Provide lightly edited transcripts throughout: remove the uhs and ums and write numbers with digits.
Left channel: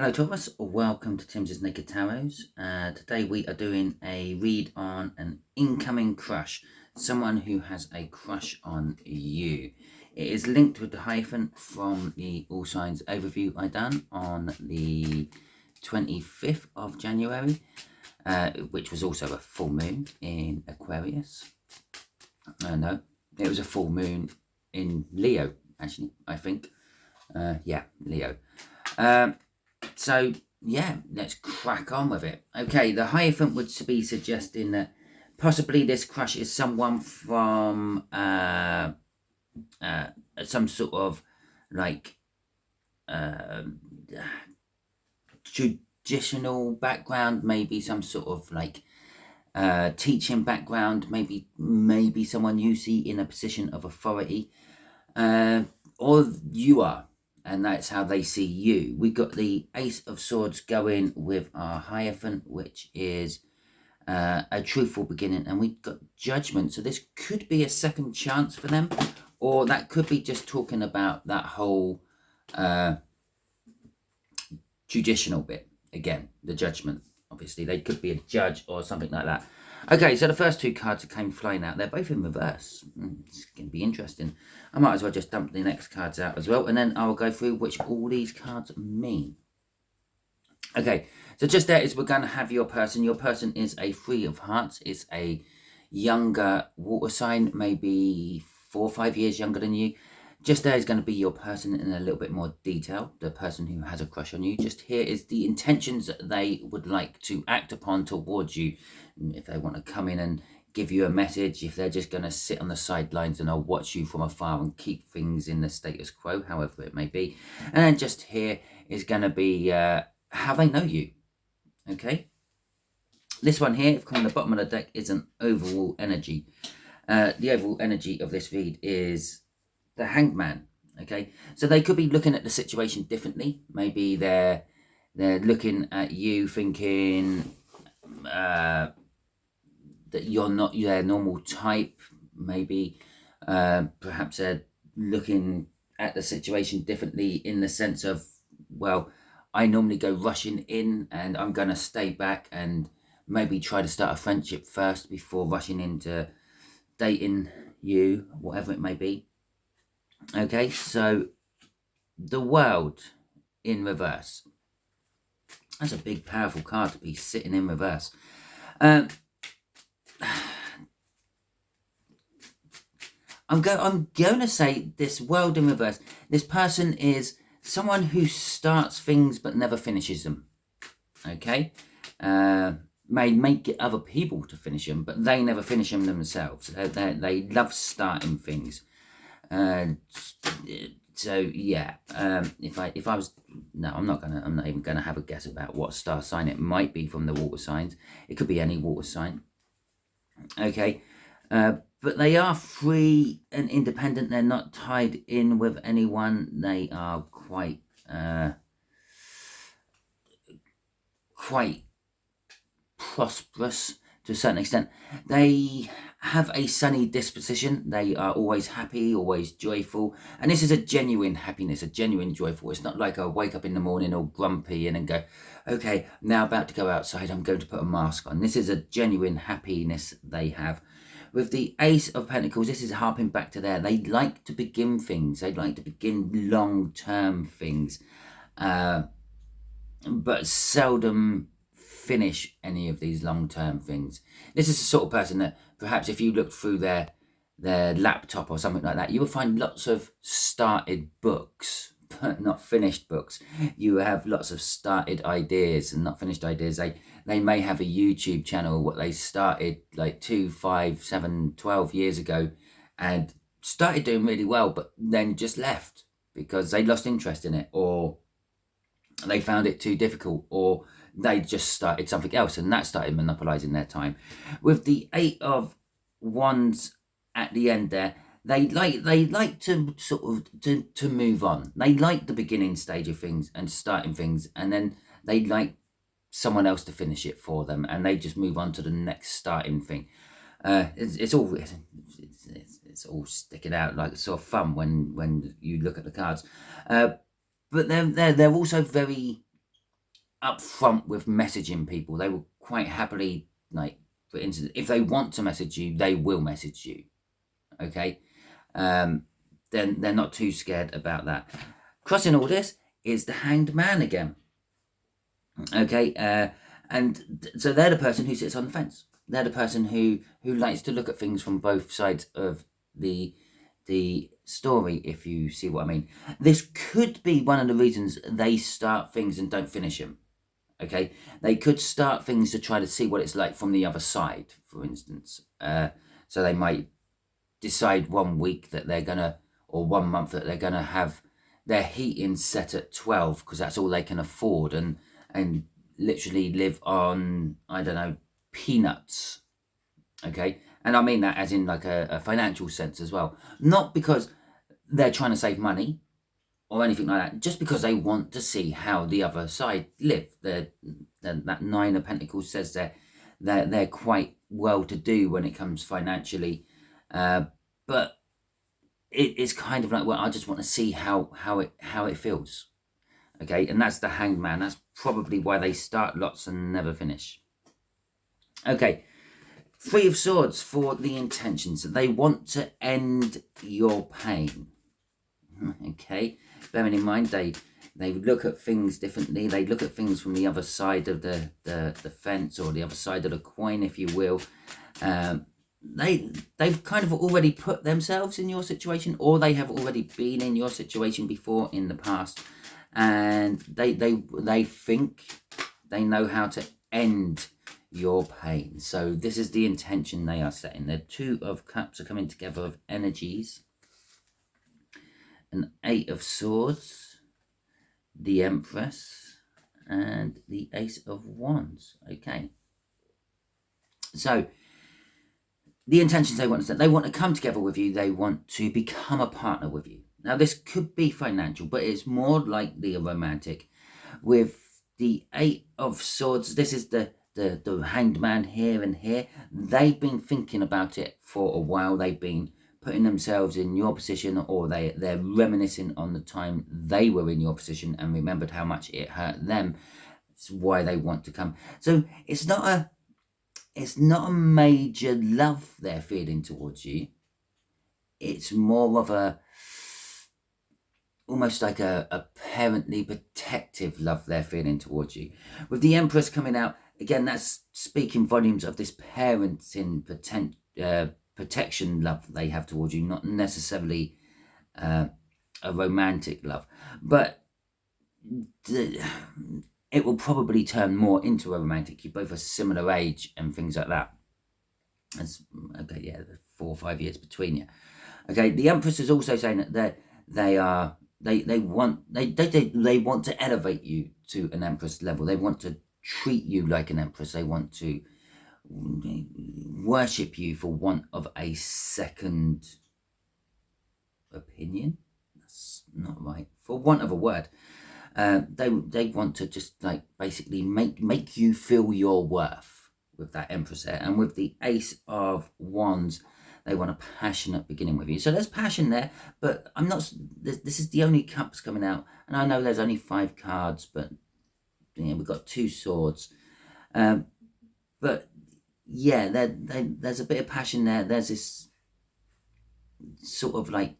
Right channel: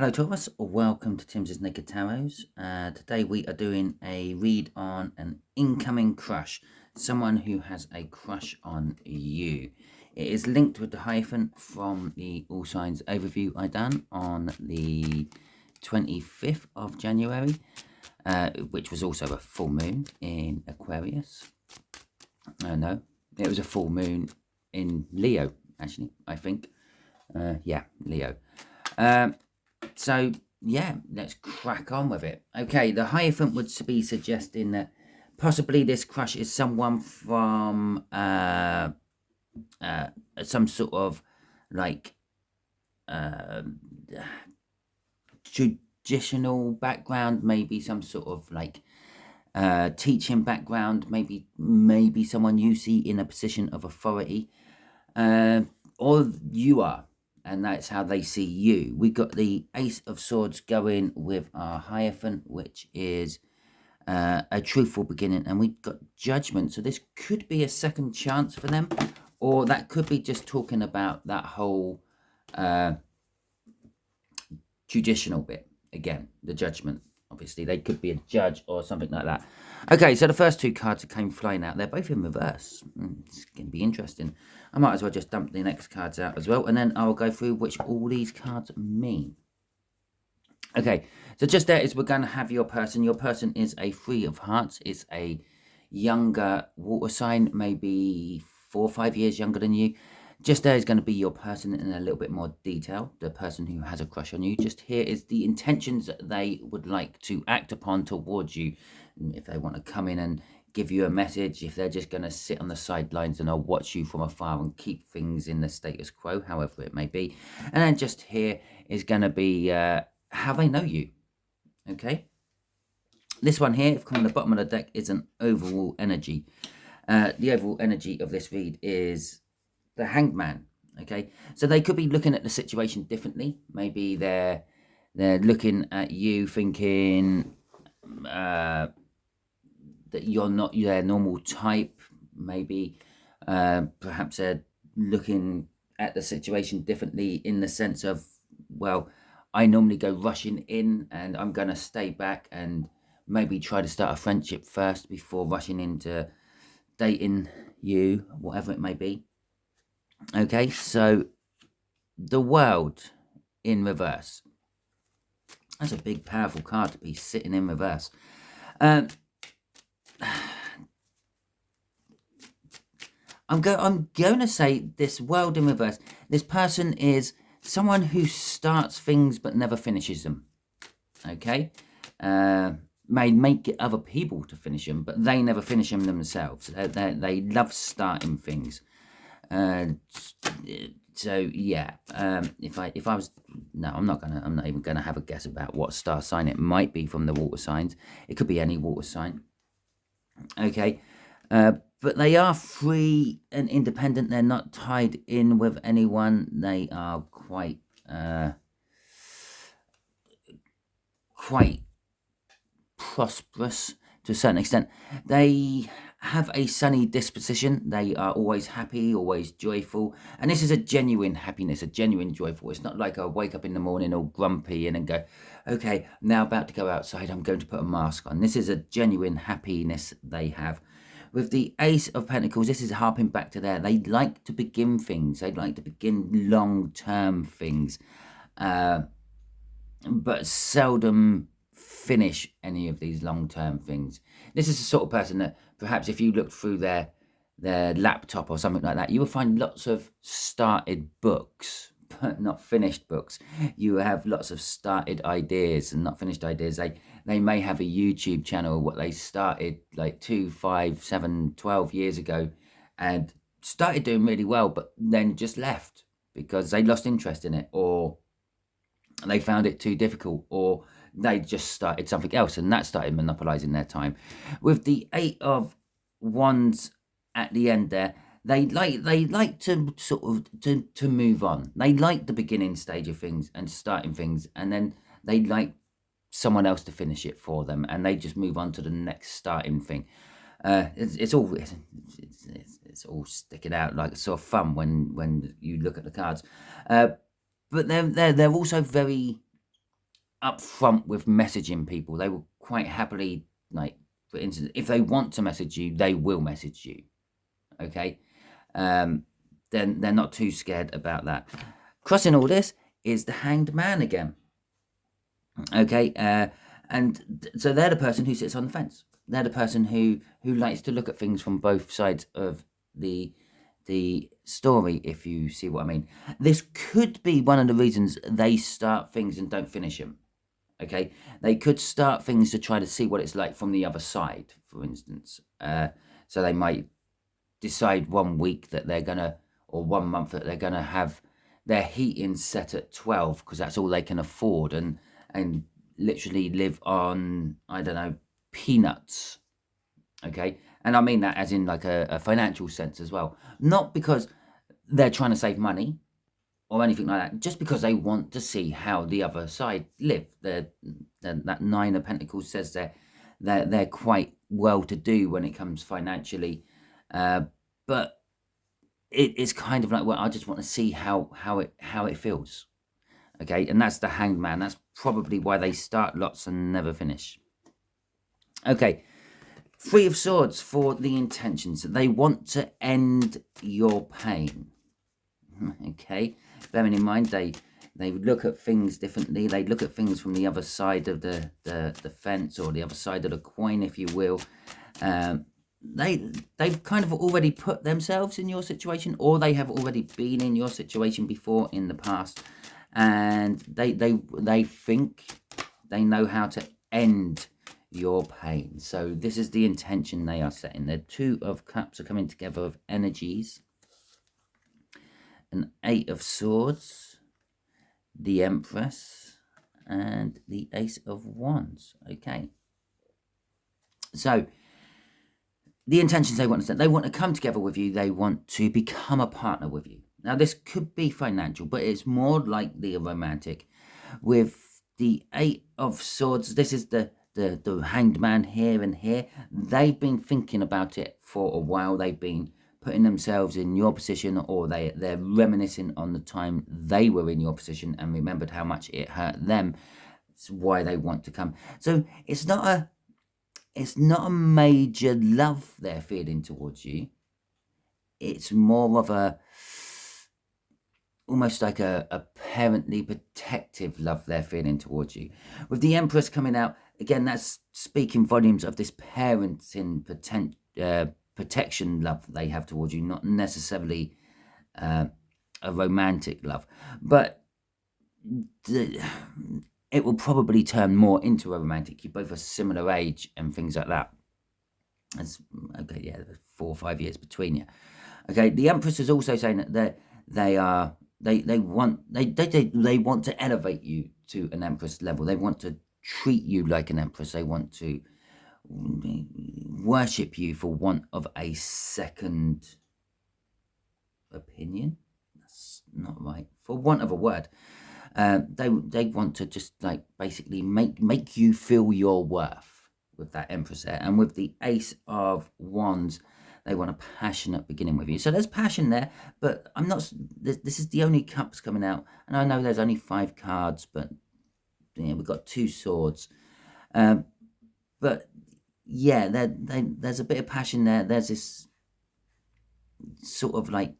Hello Thomas, welcome to Timsy Naked Tarot. Today we are doing a read on an incoming crush, someone who has a crush on you. It is linked with the hyphen from the All Signs overview I done on the 25th of January, which was also a full moon in Aquarius. No, it was a full moon in Leo, actually, I think. Yeah, Leo. So, yeah, let's crack on with it. Okay, the Hierophant would be suggesting that possibly this crush is someone from some sort of like traditional background, maybe some sort of like teaching background, maybe someone you see in a position of authority, or you are, and that's how they see you. We got the Ace of Swords going with our Hierophant, which is a truthful beginning, and we've got Judgment. So this could be a second chance for them, or that could be just talking about that whole traditional bit again, the Judgment. Obviously, they could be a judge or something like that. Okay, so the first two cards that came flying out, they're both in reverse. It's going to be interesting. I might as well just dump the next cards out as well, and then I'll go through which all these cards mean. Okay, so just there is we're going to have your person. Your person is a Three of Hearts. It's a younger water sign, maybe 4 or 5 years younger than you. Just there is going to be your person in a little bit more detail, the person who has a crush on you. Just here is the intentions that they would like to act upon towards you. If they want to come in and give you a message, if they're just going to sit on the sidelines and I'll watch you from afar and keep things in the status quo, however it may be. And then just here is going to be how they know you. Okay. This one here, from the bottom of the deck, is an overall energy. The overall energy of this read is the Hanged Man. Okay, so they could be looking at the situation differently. Maybe they're looking at you thinking that you're not their normal type. Maybe perhaps they're looking at the situation differently in the sense of, well, I normally go rushing in and I'm going to stay back and maybe try to start a friendship first before rushing into dating you, whatever it may be. Okay, so the World in reverse. That's a big, powerful card to be sitting in reverse. I'm going to say this World in reverse. This person is someone who starts things but never finishes them. Okay, may make other people to finish them, but they never finish them themselves. They love starting things. So yeah, if I was, no, I'm not even gonna have a guess about what star sign it might be from the water signs. It could be any water sign. Okay, but they are free and independent. They're not tied in with anyone. They are quite prosperous to a certain extent. They have a sunny disposition. They are always happy, always joyful, and this is a genuine happiness, a genuine joyful. It's not like I wake up in the morning all grumpy and then go, okay, now about to go outside, I'm going to put a mask on. This is a genuine happiness they have. With the Ace of Pentacles, this is harping back to there. They like to begin things. They like to begin long-term things, but seldom finish any of these long-term things. This is the sort of person that perhaps if you look through their laptop or something like that, you will find lots of started books but not finished books. You have lots of started ideas and not finished ideas. They may have a YouTube channel what they started like 2, 5, 7, 12 years ago and started doing really well, but then just left because they lost interest in it, or they found it too difficult, or they just started something else and that started monopolizing their time. With the Eight of Wands at the end there, they like to sort of to move on. They like the beginning stage of things and starting things, and then they like someone else to finish it for them, and they just move on to the next starting thing. It's all sticking out like sort of fun when you look at the cards. But they're also very upfront with messaging people. They will quite happily, like, for instance, if they want to message you, they will message you. Okay, then they're not too scared about that. Crossing all this is the Hanged Man again. Okay, and so they're the person who sits on the fence. They're the person who likes to look at things from both sides of the story, if you see what I mean. This could be one of the reasons they start things and don't finish them. Okay, they could start things to try to see what it's like from the other side, for instance. So they might decide 1 week that they're gonna, or 1 month that they're gonna have their heating set at 12 because that's all they can afford, and literally live on, I don't know, peanuts. Okay, and I mean that as in like a financial sense as well, not because they're trying to save money or anything like that, just because they want to see how the other side live. That Nine of Pentacles says they're quite well to do when it comes financially, but it's kind of like, well, I just want to see how it feels. Okay, and that's the Hanged Man. That's probably why they start lots and never finish. Okay, Three of Swords for the intentions. They want to end your pain. Okay, bearing in mind they look at things differently. They look at things from the other side of the fence, or the other side of the coin, if you will. They've kind of already put themselves in your situation, or they have already been in your situation before in the past, and they think they know how to end your pain. So this is the intention they are setting. The Two of Cups are coming together with energies. An Eight of Swords, the Empress, and the Ace of Wands. Okay, so the intentions they want to set, they want to come together with you. They want to become a partner with you. Now this could be financial, but it's more likely a romantic. With the Eight of Swords, this is the Hanged Man here and here. They've been thinking about it for a while. They've been putting themselves in your position, or they're reminiscing on the time they were in your position and remembered how much it hurt them. It's why they want to come. So it's not a major love they're feeling towards you. It's more of almost like a parently protective love they're feeling towards you. With the Empress coming out again, that's speaking volumes of this parenting protection love they have towards you, not necessarily a romantic love, but it will probably turn more into a romantic. You're both a similar age and things like that. That's okay. Yeah, 4 or 5 years between you. Okay, the Empress is also saying that they want to elevate you to an Empress level. They want to treat you like an Empress. They want to worship you, for want of a second opinion. That's not right, for want of a word. They want to just like basically make you feel your worth with that Empress there. And with the Ace of Wands, they want a passionate beginning with you. So there's passion there, but I'm not. This is the only cups coming out, and I know there's only 5 cards, but we've got 2 swords. But yeah, there's a bit of passion there. There's this sort of like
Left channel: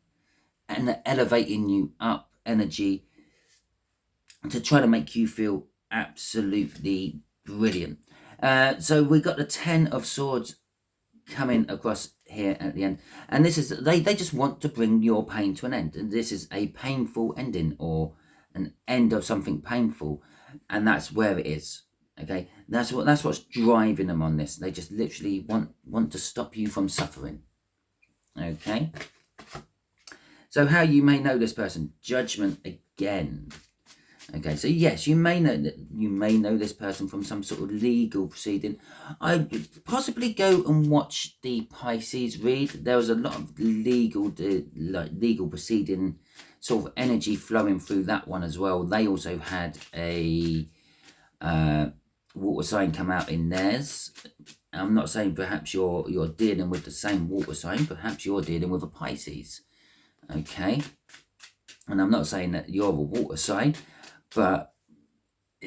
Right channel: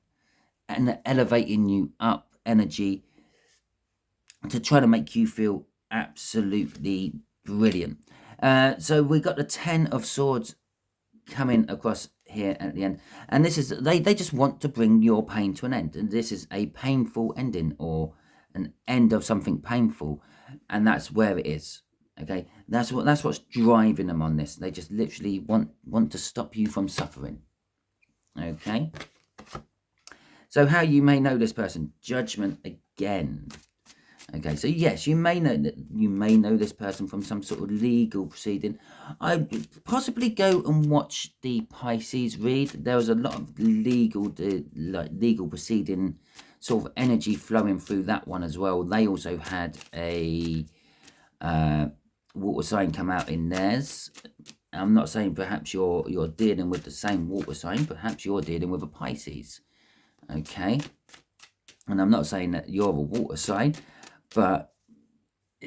an elevating you up energy to try to make you feel absolutely brilliant. So we got the 10 of Swords coming across here at the end, and this is they just want to bring your pain to an end, and this is a painful ending, or an end of something painful, and that's where it is. Okay, that's what's driving them on this. They just literally want to stop you from suffering. Okay, so how you may know this person? Judgment again. Okay, so yes, you may know this person from some sort of legal proceeding. I'd possibly go and watch the Pisces read. There was a lot of legal proceeding sort of energy flowing through that one as well. They also had a water sign come out in theirs. I'm not saying perhaps you're dealing with the same water sign. Perhaps you're dealing with a Pisces. Okay, and I'm not saying that you're a water sign. But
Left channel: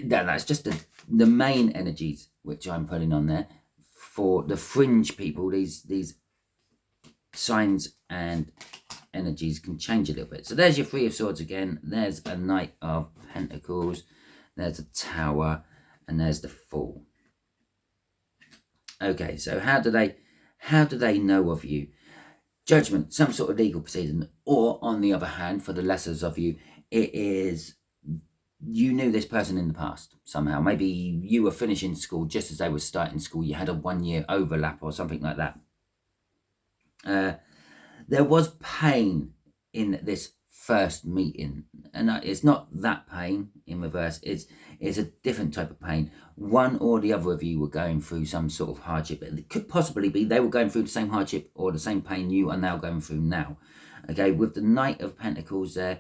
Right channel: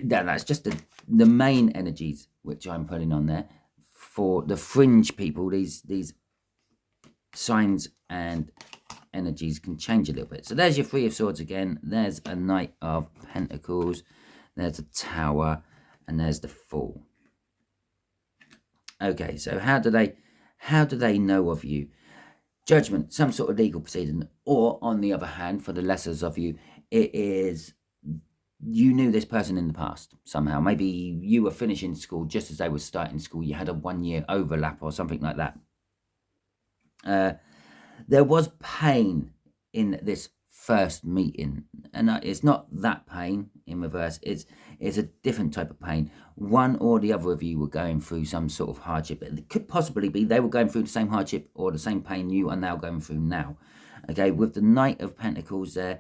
that's just the main energies which I'm putting on there. For the fringe people, these signs and energies can change a little bit. So there's your Three of Swords again. There's a Knight of Pentacles. There's a Tower, and there's the Fool. Okay, so how do they know of you? Judgment, some sort of legal proceeding, or on the other hand, for the lessers of you, it is you knew this person in the past somehow. Maybe you were finishing school just as they were starting school. You had a 1-year overlap or something like that. There was pain in this first meeting, and it's not that pain in reverse. It's a different type of pain. One or the other of you were going through some sort of hardship. It could possibly be they were going through the same hardship or the same pain you are now going through now. Okay, with the Knight of Pentacles there,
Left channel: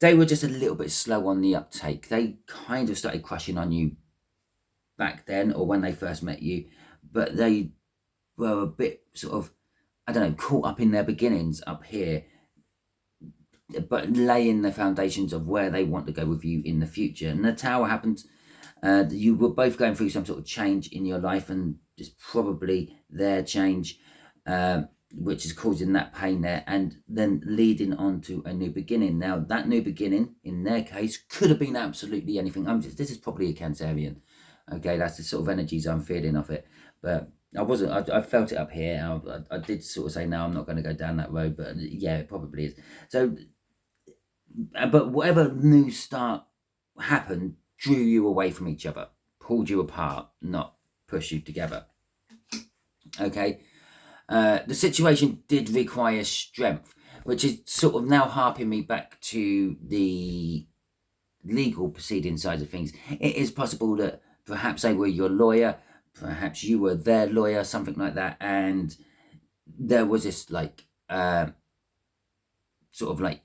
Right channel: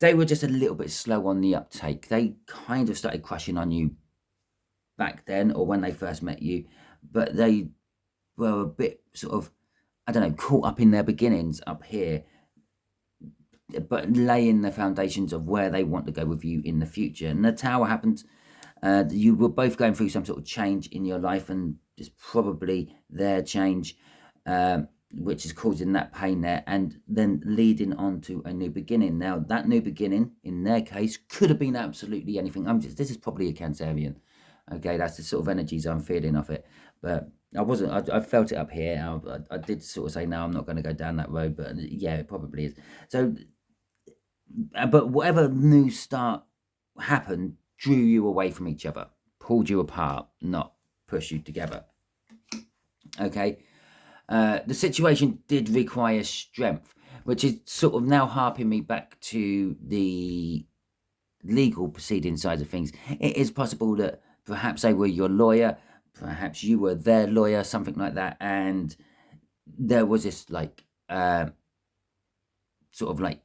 they were just a little bit slow on the uptake. They kind of started crushing on you back then, or when they first met you, but they were a bit sort of, I don't know, caught up in their beginnings up here, but laying the foundations of where they want to go with you in the future. And the Tower happened. You were both going through some sort of change in your life, and it's probably their change which is causing that pain there, and then leading on to a new beginning. Now, that new beginning, in their case, could have been absolutely anything. This is probably a Cancerian. Okay, that's the sort of energies I'm feeling off it. But I felt it up here. I did sort of say, no, I'm not going to go down that road. But yeah, it probably is. So, but whatever new start happened, drew you away from each other, pulled you apart, not push you together. Okay. The situation did require strength, which is sort of now harping me back to the legal proceeding side of things. It is possible that perhaps they were your lawyer, perhaps you were their lawyer, something like that, and there was this like sort of like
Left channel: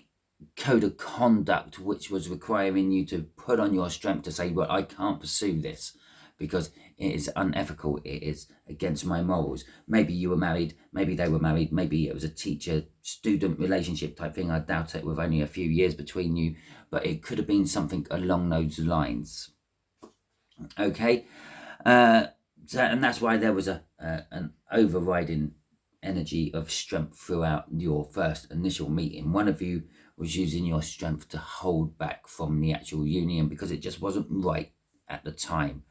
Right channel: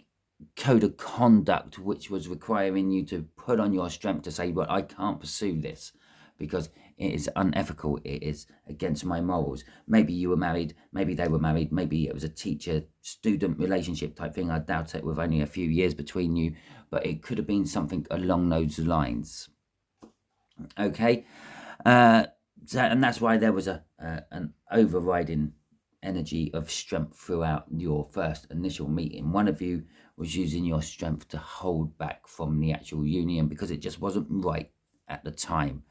code of conduct which was requiring you to put on your strength to say, well, I can't pursue this because it is unethical, it is against my morals. Maybe you were married, maybe they were married, maybe it was a teacher-student relationship type thing. I doubt it, with only a few years between you, but it could have been something along those lines. Okay, and that's why there was an overriding energy of strength throughout your first initial meeting. One of you was using your strength to hold back from the actual union because it just wasn't right at the time.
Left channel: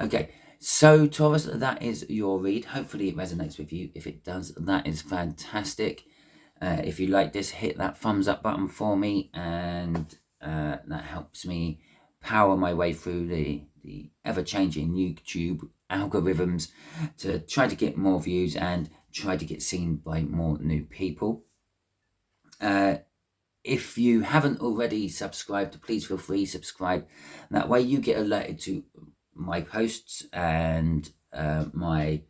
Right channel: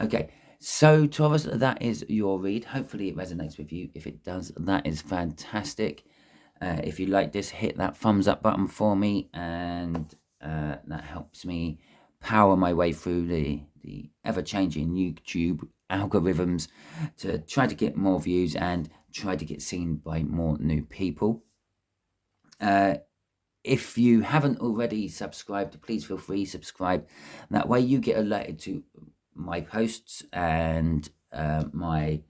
Okay, so Taurus, that is your read. Hopefully it resonates with you. If it does, that is fantastic. If you like this, hit that thumbs up button for me, and that helps me power my way through the ever-changing YouTube algorithms to try to get more views and try to get seen by more new people. If you haven't already subscribed, please feel free to subscribe. That way you get alerted to my posts and my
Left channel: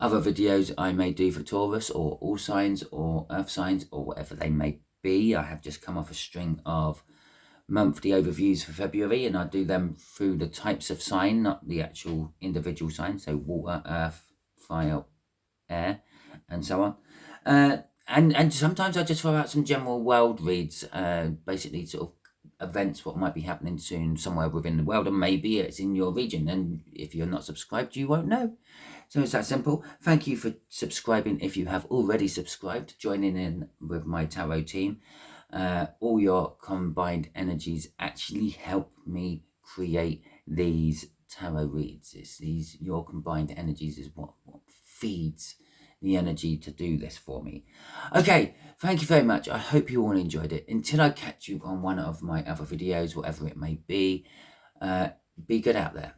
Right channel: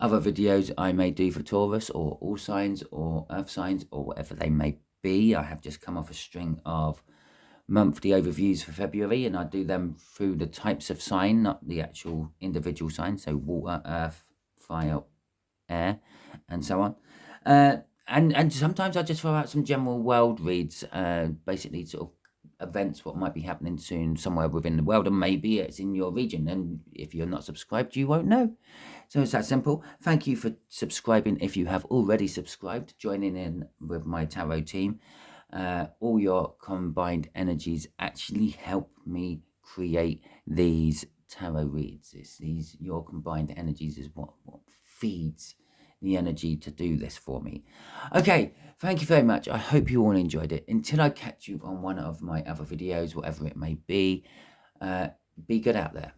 other videos I may do for Taurus or all signs or earth signs or whatever they may be. I have just come off a string of monthly overviews for February, and I do them through the types of sign, not the actual individual sign. So water, earth, fire, air, and so on. And sometimes I just throw out some general world reads, basically sort of events, what might be happening soon somewhere within the world, and maybe it's in your region, and if you're not subscribed you won't know. So it's that simple. Thank you for subscribing. If you have already subscribed, joining in with my tarot team, all your combined energies actually help me create these tarot reads. Your combined energies is what feeds the energy to do this for me. Okay, thank you very much. I hope you all enjoyed it. Until I catch you on one of my other videos, whatever it may be good out there.